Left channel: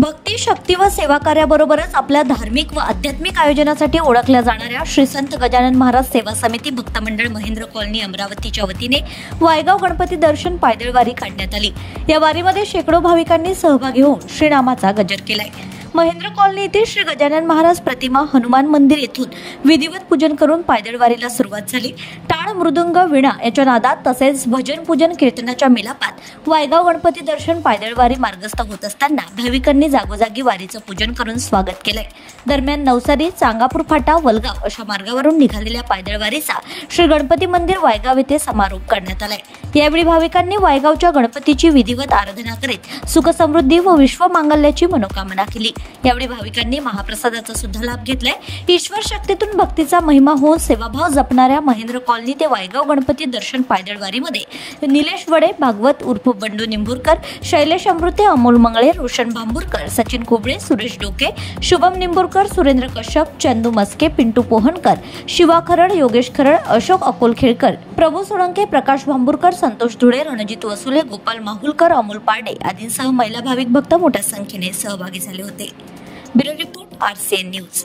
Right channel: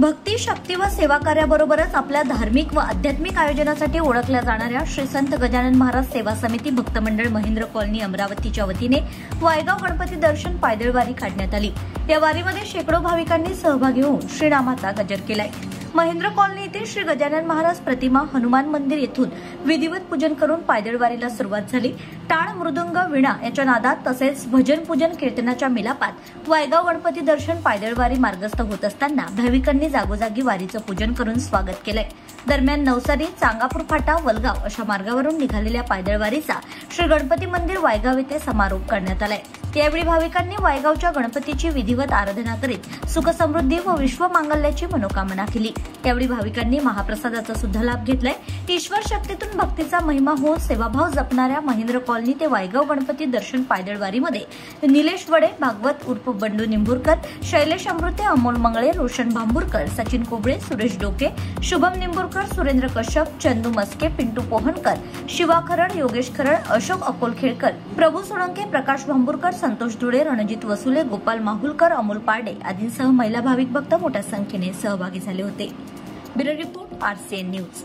भक्ती, शक्ती व सेवा कार्याबरोबरच आपल्या धार्मिक व आध्यात्मिक आयोजनासाठी ओळखल्या जाणाऱ्या श्री संत गजानन महाराज सेवा समिती भक्त मंडळ महेंद्र कॉलनी अमरावतीच्या वतीने वायगाव गणपती दर्शन पायदळ वारी काढण्यात आली। या वारीमध्ये शेकडो भाविकांनी सहभागी होऊन श्रीनामाचा गजर केलाय। महेंद्र कॉलनी येथे श्री गजानन महाराज प्रतिमा हनुमान मंदिर येथून विधिवत पूजन करून पायदळ वारीला सुरुवात झाली। टाळ, मृदुंग, वीणा याच्या नादात तसेच भजन, पूजन, कीर्तनाच्या मिलापात वायगाव गणपती दर्शन पायदळ वारी मार्गस्थ होत असताना भाविकांनी जागोजागी वारीचं पूजन करून स्वागत केलंय। दरम्यान नवसारी, चांगापूर फाटा, वलगाव अशा मार्गावरून निघालेल्या पायदळ वारीचा श्री गणपती मंदिर वायगाव येथे समारोप करण्यात आलाय। यावेळी भाविकांनी वायगावच्या गणपतीची विधिवत आराधना करीत सुख समृद्धी व विश्व मांगल्याची मनोकामना केली। यावेळी भाविकांनी महाप्रसादाचा सुद्धा लाभ घेतलाय। ईश्वर शक्तीतून भक्तीचा महिमा होऊन सेवाभाव जपणाऱ्या महेंद्र कॉलनी ते वायगाव गणपती दर्शन पायदळ वारीमध्ये निलेश वडे, भागवत उर्फ बंडू निंबुरकर, शैलेश अमृते, अमोल मंगळे, रोशन भांबुरकर, सचिन कोबळे, सुरेश डोके, शुभम निंबुरकर, सुरेंद्र कश्यप, चंदू मस्के, पिंटू पोहनकर, शिवा खरड, योगेश खरड, अशोक अकोलखेडकर, प्रभू सोळंके, प्रकाश भांबुरकर, संतोष धुळे, रणजित वसुले, गोपाल माहुलकर, अमोल पारडे आदींसह महिला भाविक भक्त मोठ्या संख्येने सहभागी झाले होते। Bureau report, RCN news.